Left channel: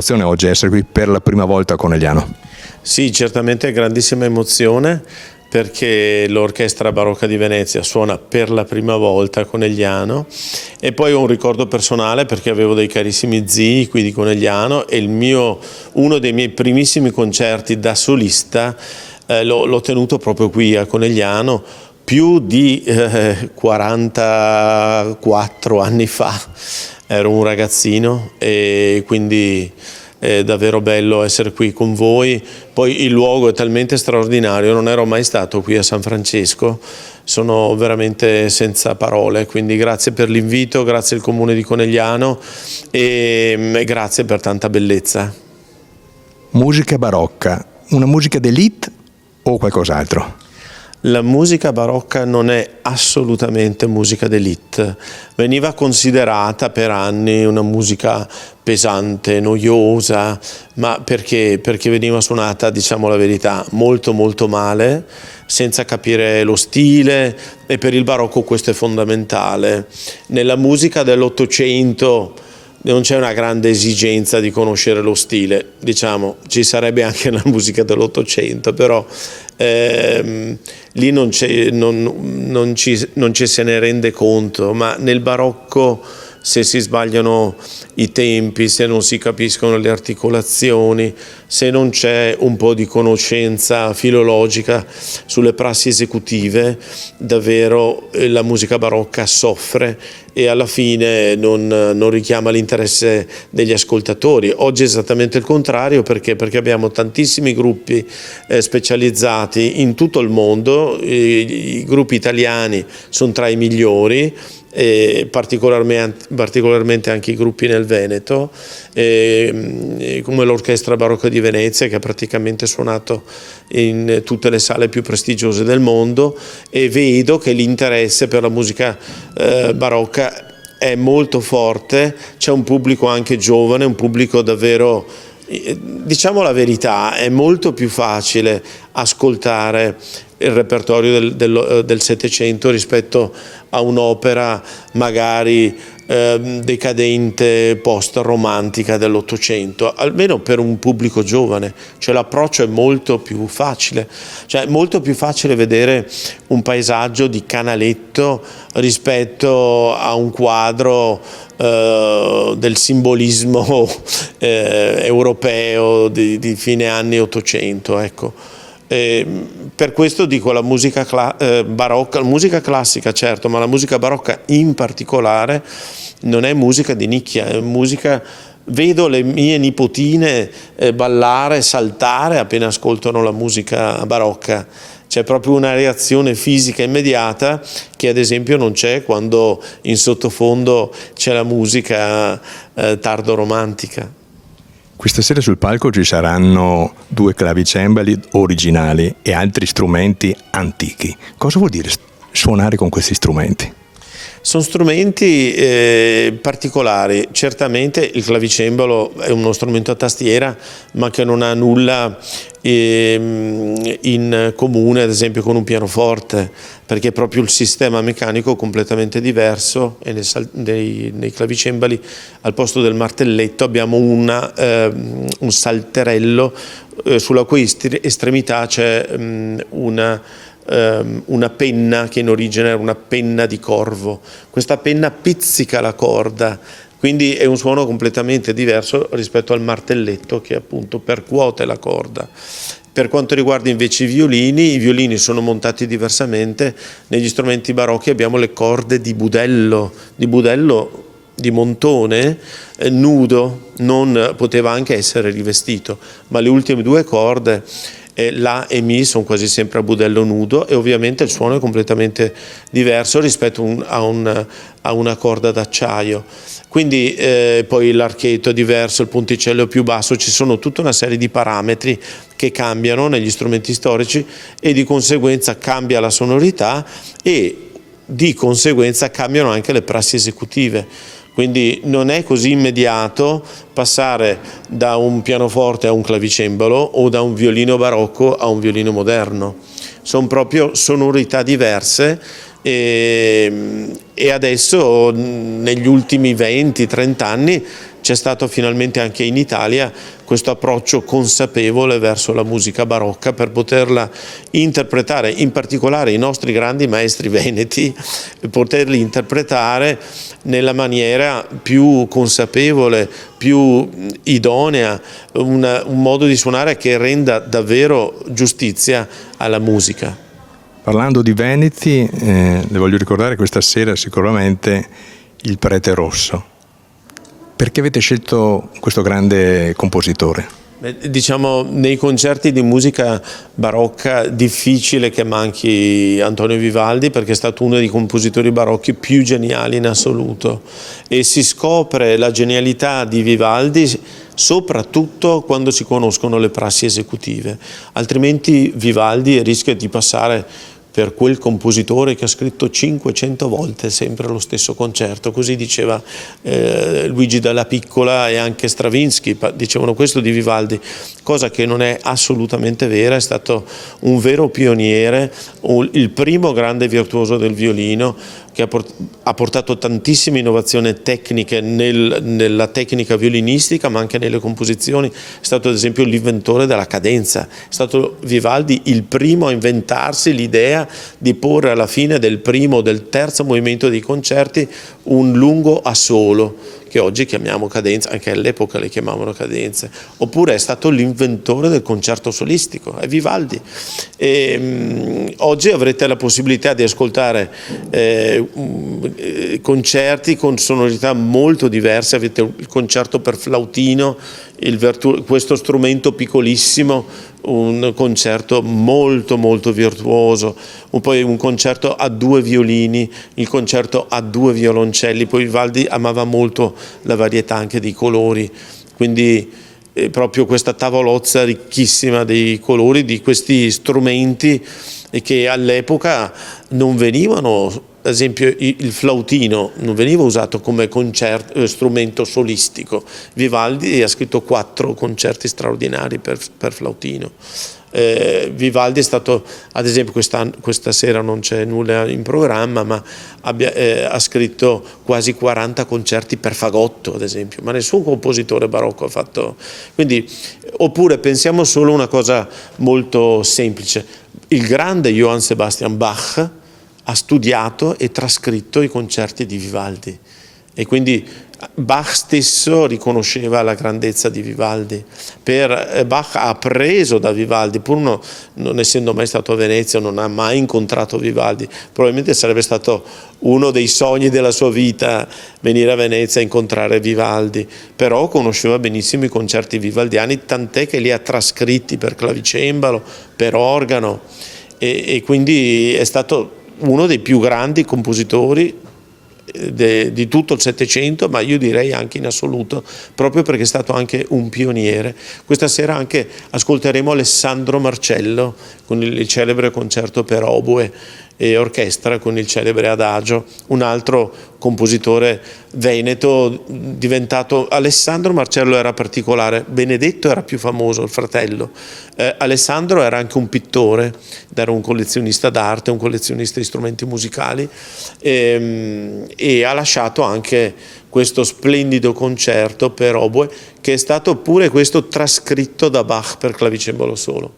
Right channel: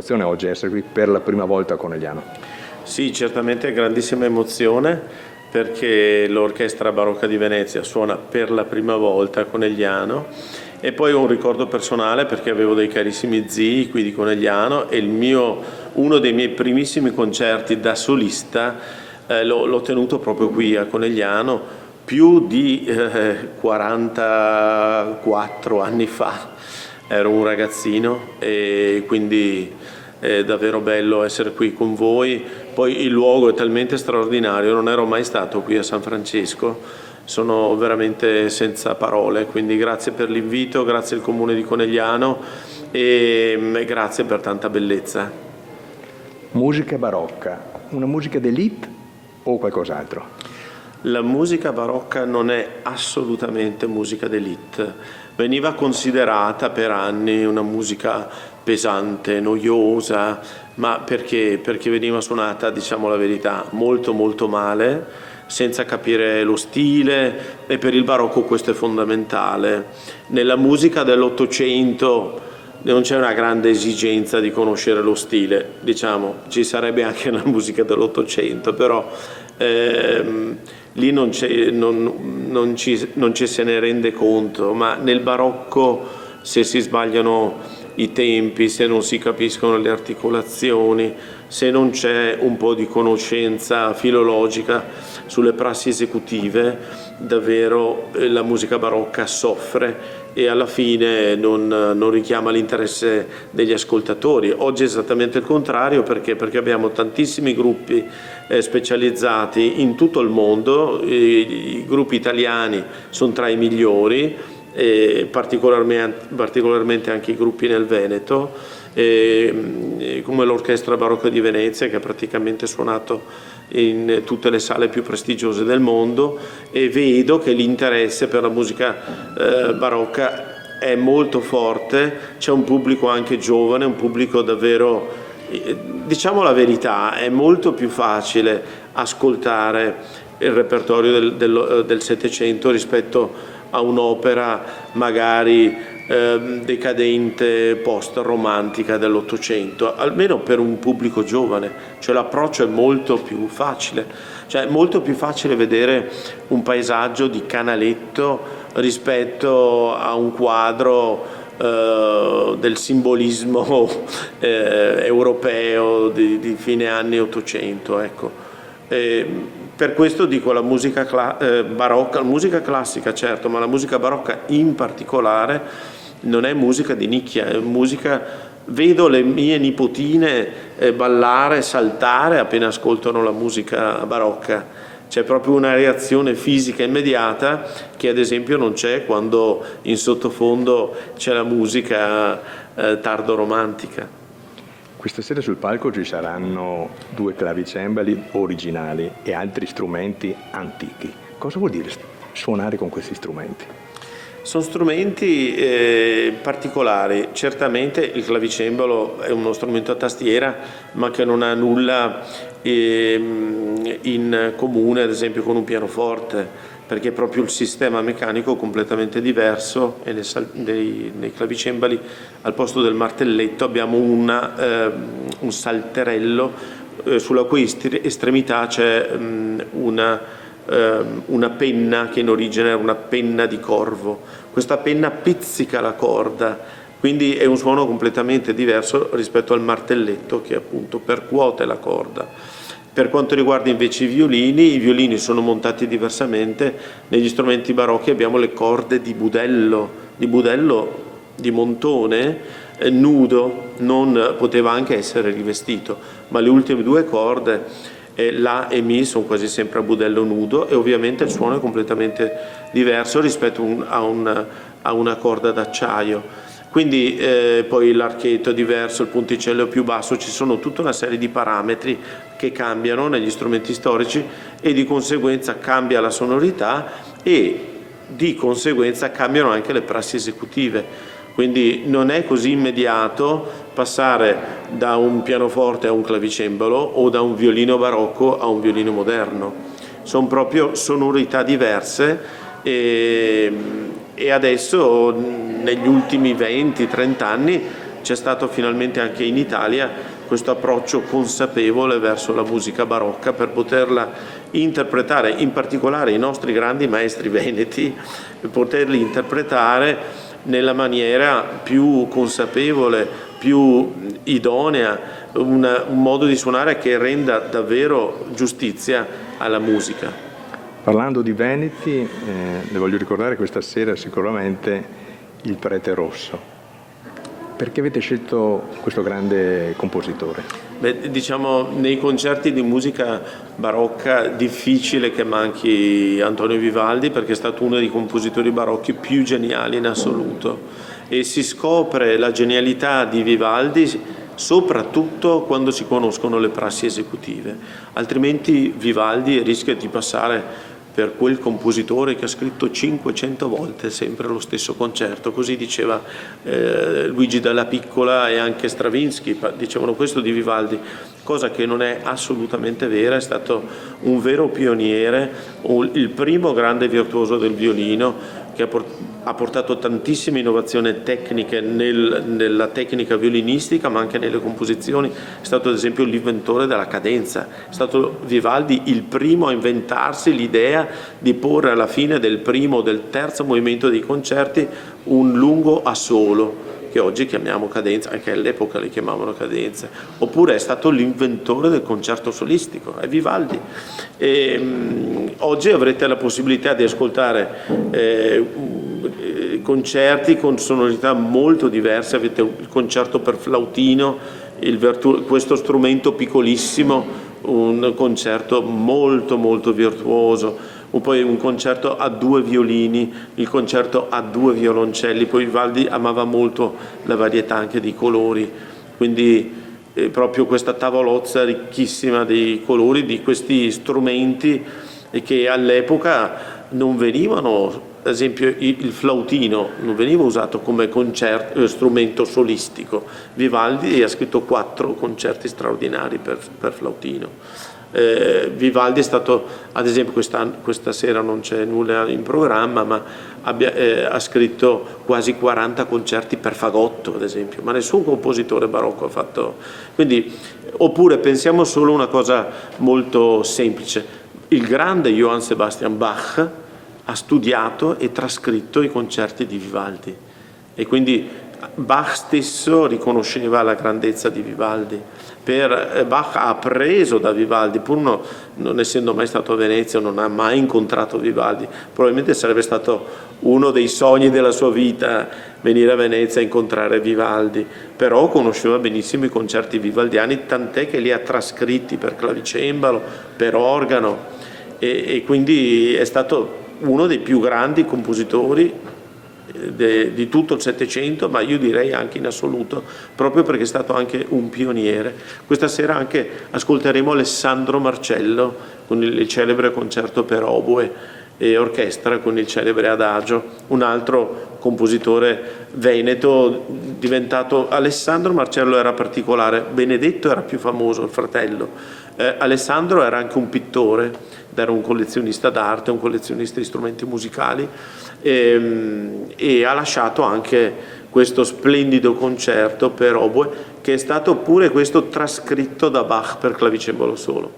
emozione oggi essere qui per la prima volta a Conegliano. Sì, certamente grandissima emozione, perché l'Orchestra Barocca di Venezia suona per la prima volta a Conegliano, e poi ho un ricordo personale perché avevo dei carissimi zii qui di Conegliano e uno dei miei primissimi concerti da solista l'ho tenuto proprio qui a Conegliano più di 44 anni fa. Ero un ragazzino e quindi è davvero bello essere qui con voi. Poi il luogo è talmente straordinario, non ero mai stato qui a San Francesco, sono veramente senza parole, quindi grazie per l'invito, grazie al Comune di Conegliano e grazie per tanta bellezza. Musica barocca, una musica d'élite o qualcos'altro? La musica barocca non è assolutamente musica d'élite, veniva considerata per anni una musica pesante, noiosa, ma perché veniva suonata, diciamo la verità, molto molto male, senza capire lo stile, e per il barocco questo è fondamentale. Nella musica dell'Ottocento non c'è una grande esigenza di conoscere lo stile, diciamo, ci sarebbe anche la musica dell'Ottocento, però lì non ci se ne rende conto, ma nel barocco, se si sbagliano i tempi, se non si capiscono le articolazioni, se non c'è un po' di conoscenza filologica sulle prassi esecutive, davvero la musica barocca soffre e alla fine non richiama l'interesse degli ascoltatori. Oggi è esattamente il contrario, perché abbiamo tantissimi gruppi specializzati in tutto il mondo, i gruppi italiani sono tra i migliori, e particolarmente anche i gruppi nel Veneto, come l'Orchestra Barocca di Venezia, che ha praticamente suonato in tutte le sale più prestigiose del mondo, e vedo che l'interesse per la musica barocca è molto forte. C'è un pubblico anche giovane, un pubblico davvero, diciamo la verità, è molto più facile ascoltare il repertorio del Settecento rispetto a un'opera magari decadente, post-romantica dell'Ottocento, almeno per un pubblico giovane, cioè l'approccio è molto più facile, cioè è molto più facile vedere un paesaggio di Canaletto rispetto a un quadro del simbolismo europeo di fine anni Ottocento, ecco. Per questo dico la musica barocca, la musica classica certo, ma la musica barocca in particolare non è musica di nicchia, è musica. Vedo le mie nipotine ballare, saltare appena ascoltano la musica barocca. C'è proprio una reazione fisica immediata che ad esempio non c'è quando in sottofondo c'è la musica tardo romantica. Questa sera sul palco ci saranno 2 clavicembali originali e altri strumenti antichi. Cosa vuol dire suonare con questi strumenti? Sono strumenti particolari. Certamente il clavicembalo è uno strumento a tastiera, ma che non ha nulla in comune ad esempio con un pianoforte, perché è proprio il sistema meccanico completamente diverso, e nei clavicembali al posto del martelletto abbiamo un salterello sulla cui estremità c'è una penna che in origine era una penna di corvo. Questa penna pizzica la corda, quindi è un suono completamente diverso rispetto al martelletto che appunto percuote la corda. Per quanto riguarda invece i violini sono montati diversamente. Negli strumenti barocchi abbiamo le corde di budello di montone nudo, non poteva anche essere rivestito, ma le ultime 2 corde, La e Mi, sono quasi sempre a budello nudo, e ovviamente il suono è completamente diverso rispetto a una corda d'acciaio. Quindi poi l'archetto è diverso, il ponticello è più basso, ci sono tutta una serie di parametri che cambiano negli strumenti storici, e di conseguenza cambia la sonorità e di conseguenza cambiano anche le prassi esecutive. Quindi non è così immediato passare da un pianoforte a un clavicembalo o da un violino barocco a un violino moderno. Sono proprio sonorità diverse, e adesso negli ultimi 20-30 anni c'è stato finalmente anche in Italia questo approccio consapevole verso la musica barocca per poterla interpretare, in particolare i nostri grandi maestri veneti, poterli interpretare nella maniera più consapevole, più idonea, un modo di suonare che renda davvero giustizia alla musica. Parlando di veneti, le voglio ricordare questa sera sicuramente il Prete Rosso. Perché avete scelto questo grande compositore? Diciamo, nei concerti di musica barocca difficile che manchi Antonio Vivaldi, perché è stato uno dei compositori barocchi più geniali in assoluto, e si scopre la genialità di Vivaldi soprattutto quando si conoscono le prassi esecutive, altrimenti Vivaldi rischia di passare per quel compositore che ha scritto 500 volte sempre lo stesso concerto, così diceva Luigi Dalla Piccola e anche Stravinsky, dicevano questo di Vivaldi, cosa che non è assolutamente vera. È stato un vero pioniere, il primo grande virtuoso del violino, che ha portato tantissime innovazioni tecniche nella tecnica violinistica, ma anche nelle composizioni. È stato ad esempio l'inventore della cadenza, è stato Vivaldi il primo a inventarsi l'idea di porre alla fine del primo o del terzo movimento dei concerti un lungo assolo, che oggi chiamiamo cadenza, anche all'epoca le chiamavano cadenze. Oppure è stato l'inventore del concerto solistico, è Vivaldi. Oggi avrete la possibilità di ascoltare concerti con sonorità molto diverse. Avete il concerto per flautino, questo strumento piccolissimo, un concerto molto molto virtuoso, poi un concerto a 2 violini, il concerto a 2 violoncelli. Poi Vivaldi amava molto la varietà anche dei colori, quindi proprio questa tavolozza ricchissima dei colori di questi strumenti, e che all'epoca non venivano, ad esempio il flautino non veniva usato come strumento solistico. Vivaldi ha scritto 4 concerti straordinari per flautino. Vivaldi è stato, ad esempio questa sera non c'è nulla in programma, ma ha scritto quasi 40 concerti per fagotto, ad esempio, ma nessun compositore barocco ha fatto. Quindi, oppure pensiamo solo a una cosa molto semplice: il grande Johann Sebastian Bach ha studiato e trascritto i concerti di Vivaldi, e quindi Bach stesso riconosceva la grandezza di Vivaldi. Bach ha appreso da Vivaldi, pur non essendo mai stato a Venezia, non ha mai incontrato Vivaldi. Probabilmente sarebbe stato uno dei sogni della sua vita venire a Venezia e incontrare Vivaldi, però conosceva benissimo i concerti vivaldiani, tant'è che li ha trascritti per clavicembalo, per organo, e quindi è stato uno dei più grandi compositori di tutto il Settecento, ma io direi anche in assoluto, proprio perché è stato anche un pioniere. Questa sera anche ascolteremo Alessandro Marcello con il celebre concerto per oboe e orchestra con il celebre Adagio, un altro compositore veneto diventato. Alessandro Marcello era particolare, Benedetto era più famoso, il fratello. Alessandro era anche un pittore, era un collezionista d'arte, un collezionista di strumenti musicali, e ha lasciato anche questo splendido concerto per oboe, che è stato pure questo trascritto da Bach per clavicembalo solo.